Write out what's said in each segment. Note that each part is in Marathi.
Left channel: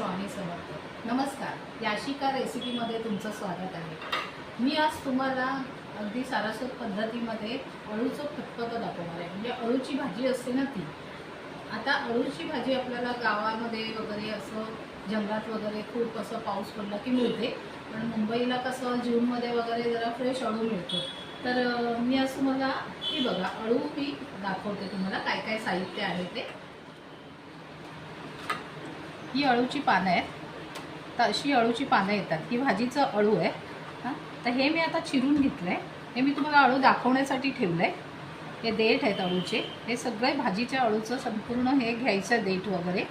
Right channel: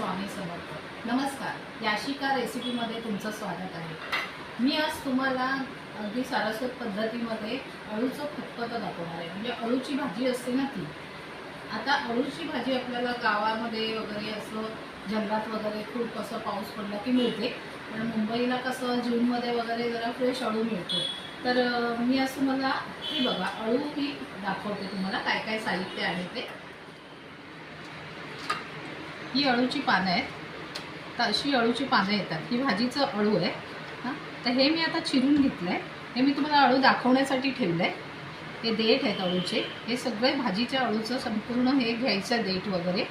स्वामी समर्थ. नमस्कार. याशिका रेसिपीमध्ये तुमचं स्वागत आहे. मी आज तुम्हाला अगदी सारस्वत पद्धतीमध्ये अळूचं फतफतं दाखवणार आहे. म्हणजे अळूची भाजी असते ना ती. आता अळूची भाजी आपल्याला गावामध्ये वगैरे असं जंगलात वगैरे खूप असं पाऊस पडला की मिळते. पण मुंबईला कसं जूनमध्ये वगैरे जरा फ्रेश अळू मिळतो. तर मी आज तुम्हाला ही बघा अळू ही दाखवते तुम्हाला काय काय साहित्य आहे ते. ही अळूची पानं आहेत. तर अशी अळूची पानं येतात. ही भाजीचं अळू आहे. हां? तर हे मी आता चिरून घेतलं आहे हे मी तुम्हाला अळू दाखवण्यासाठी ठेवलं आहे हे देठ आहेत अळूचे. हे सगळे भाजीच्या अळूचं संपूर्ण हे घ्यायचं आहे देठ वगैरे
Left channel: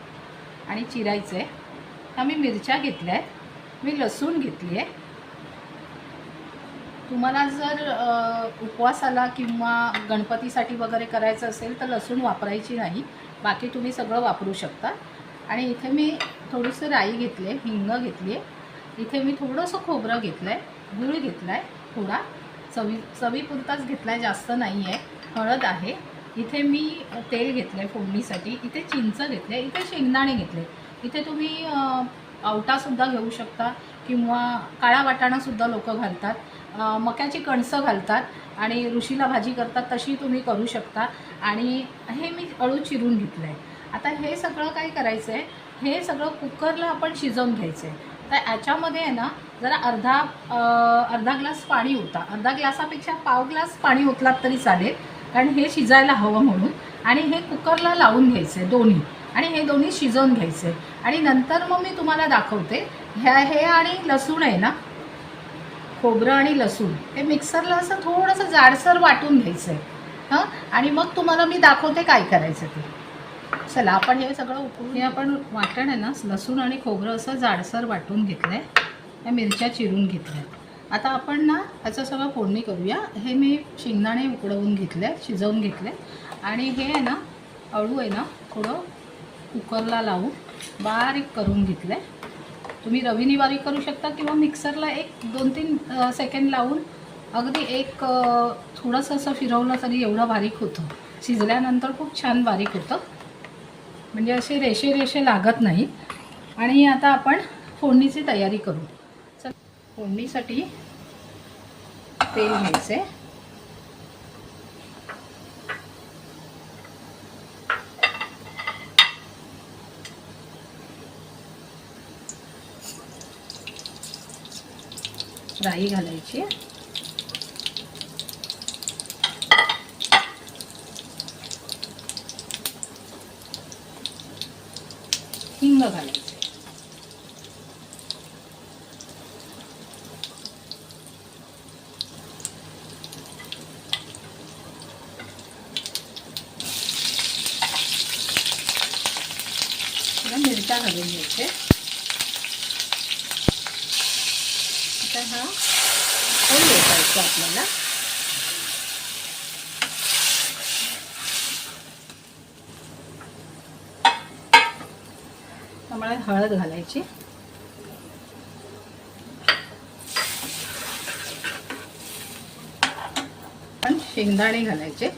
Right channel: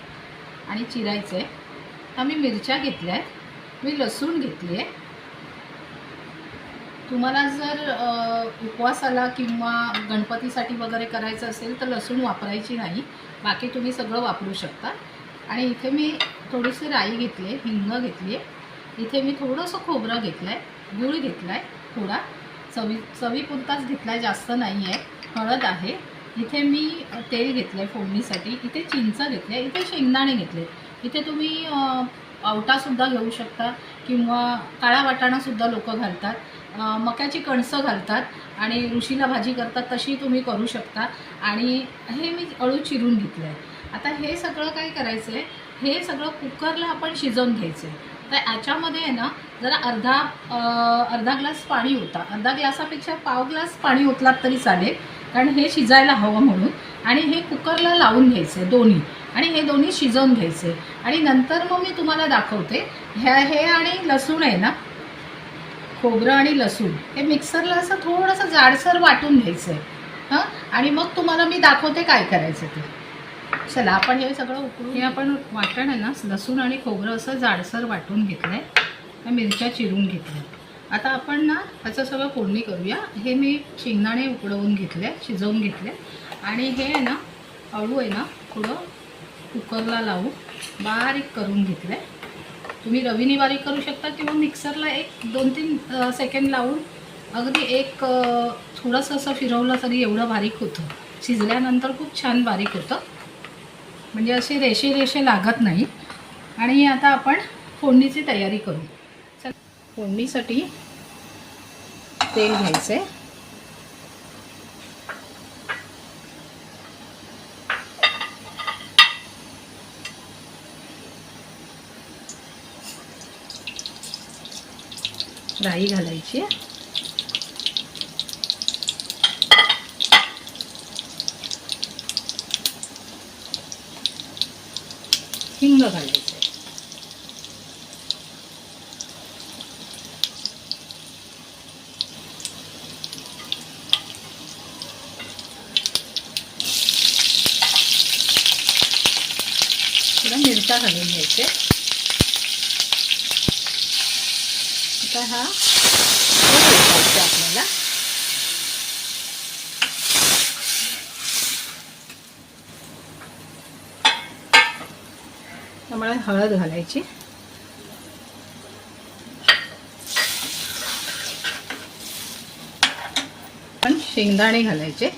आणि चिरायचं आहे हा मी मिरच्या घेतल्या आहेत. मी लसूण घेतली आहे. तुम्हाला जर उपवासाला किंवा गणपतीसाठी वगैरे करायचं असेल तर लसूण वापरायची नाही. बाकी तुम्ही सगळं वापरू शकता. आणि इथे मी थोडीशी राई घेतली आहे हिंग घेतली आहे इथे मी थोडंसं खोबरं घेतलं आहे गूळ घेतला आहे थोडा. चवी चवीपुरताच घेतला आहे जास्त नाही आहे हळद आहे. इथे मी तेल घेतलं आहे फोडणीसाठी. इथे चिंच घेतले आहे इथे शेंगदाणे घेतले इथे तुम्ही आवटासुद्धा घेऊ शकता किंवा काळा वाटाणासुद्धा लोक घालतात. मक्याची कणसं घालतात आणि ऋषीला भाजी करतात तशी तुम्ही करू शकता. आणि हे मी अळू चिरून घेतलं आहे आता हे सगळं काय करायचं आहे हे सगळं कुकरला आपण शिजवून घ्यायचं आहे तर याच्यामध्ये आहे ना जरा अर्धा अर्धा ग्लास पाणी होता अर्धा ग्लासापेक्षा पाव ग्लास पाणी ओतलात तरी चालेल कारण हे शिजायला हवं म्हणून. आणि हे कुकरला लावून घ्यायचे दोन्ही. आणि हे दोन्ही शिजवून घ्यायचे आणि नंतर मग मी तुम्हाला दाखवते ह्या हे आणि लसूण आहे ना खोबरं आणि लसूण हे मिक्सरला असं थोडंसं जाडसर वाटून घ्यायचं आहे हां? आणि मग तुम्हाला मी दाखवते काय करायचं ते. चला आपण हे सगळं उकळून हे आपण वाटण आहे ना लसूण आणि खोबरं असं जाडसर वाटून घेतलं आहे त्या मिरच्या चिरून घेतल्या. आता आपण ना ह्याचं सगळं फोडणी करूया. हे मी शेंगदाणे उकडवून घेतले शिजवून घेतले. आणि हे आहे ना अळू आहे ना थोडं कुकरला लावून बारीक करून घेतलं. आहे तुम्ही रवीनी बारीक करू शकता किंवा मिक्सरला एक दोन तीन सेकंड लावून अगदी एक थोडंसं असं फिरवलं तरी एवढं बारीक होतं. शिजल्यानंतर खूप छान बारीक होतं. म्हणजे असे रेषे रेषे लागत नाही. आणि आता आपण फोडणीची तयारी करू. चल फोडणीसाठी तेल घ्यायचं. आहे राई घालायची. हिंग घालायचं थोड्या मिरच्या घालून घ्यायचे आता हा तेल ओतायचं आपल्याला मला हळद घालायची. पण शेंगदाणे घालायचे.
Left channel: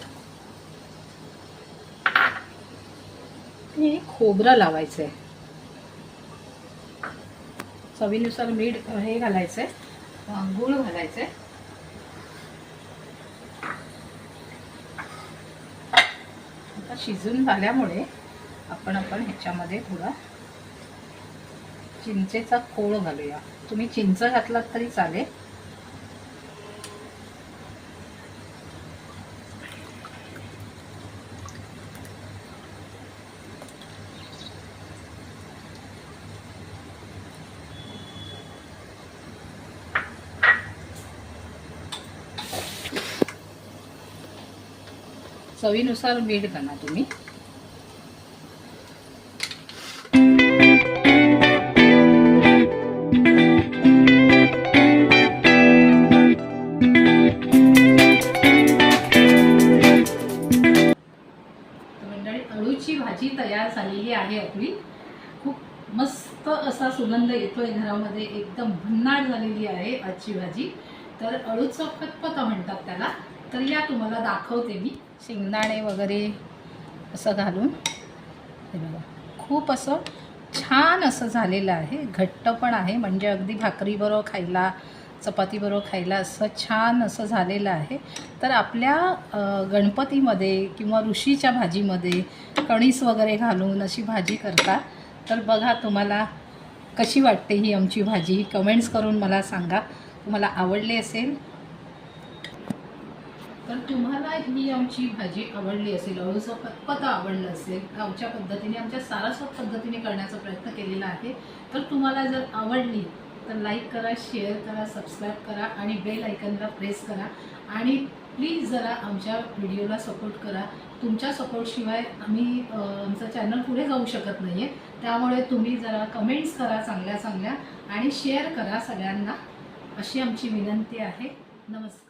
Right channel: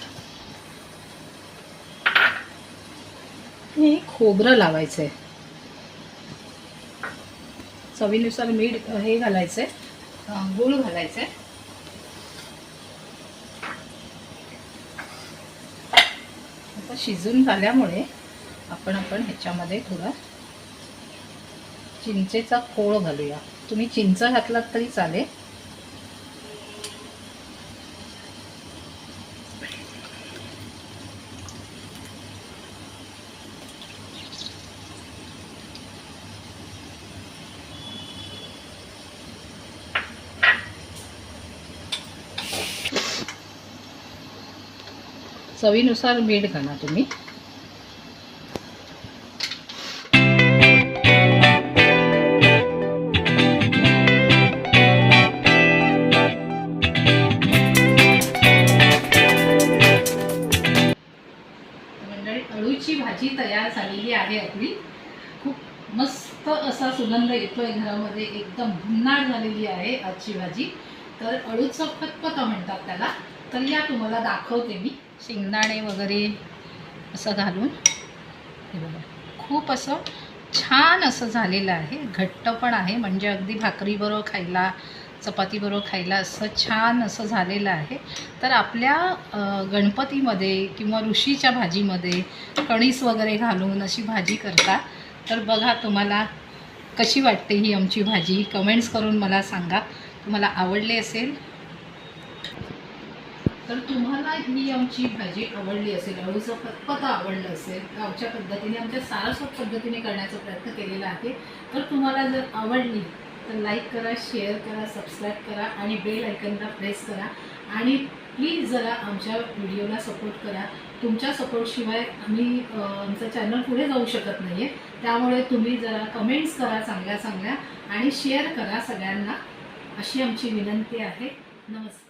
आणि खोबरं लावायचं आहे चवीनुसार मीठ हे घालायचं आहे गूळ घालायचं आहे आता शिजून झाल्यामुळे आपण आपण ह्याच्यामध्ये थोडा चिंचेचा कोळ घालूया. तुम्ही चिंच घातलात तरी चालेल. चवीनुसार मीठ घाला तुम्ही. मंडळी अळूची भाजी तयार झालेली आहे आपली. खूप मस्त असा सुगंध येतोय घरामध्ये. एकदम भन्नाट झालेली आहे आजची भाजी. तर अळूचं फतफतं म्हणतात त्याला. तर या तुम्हाला दाखवते मी. शेंगदाणे वगैरे असं घालून. हे बघा. खूप असं छान असं झालेलं आहे. घट्ट पण आहे. म्हणजे अगदी भाकरीबरोबर खायला चपातीबरोबर खायला असं छान असं झालेलं आहे. तर आपल्या गणपतीमध्ये किंवा ऋषीच्या भाजीमध्ये कणीस वगैरे घालून अशी भाजी करता तर बघा तुम्हाला कशी वाटते ही आमची भाजी? कमेंट्स करून मला सांगा. तुम्हाला आवडली असेल? तर तुम्हाला ही आमची भाजी आवडली असेल अळूचं पतपत आवडलं असेल गावच्या पद्धतीने आमच्या सारस्वत पद्धतीने करण्याचा प्रयत्न केलेला आहे. तर तुम्हाला जर आवडली तर लाईक करा शेअर करा सबस्क्राईब करा आणि बेल आयकनला प्रेस करा. आणि प्लीज जरा आमच्या व्हिडिओला सपोर्ट करा. तुमच्या सपोर्टशिवाय आम्ही आमचं चॅनल पुढे जाऊ शकत नाही आहे त्यामुळे तुम्ही जरा कमेंट्स करा चांगल्या चांगल्या आणि शेअर करा सगळ्यांना. अशी आमची विनंती आहे. नमस्कार.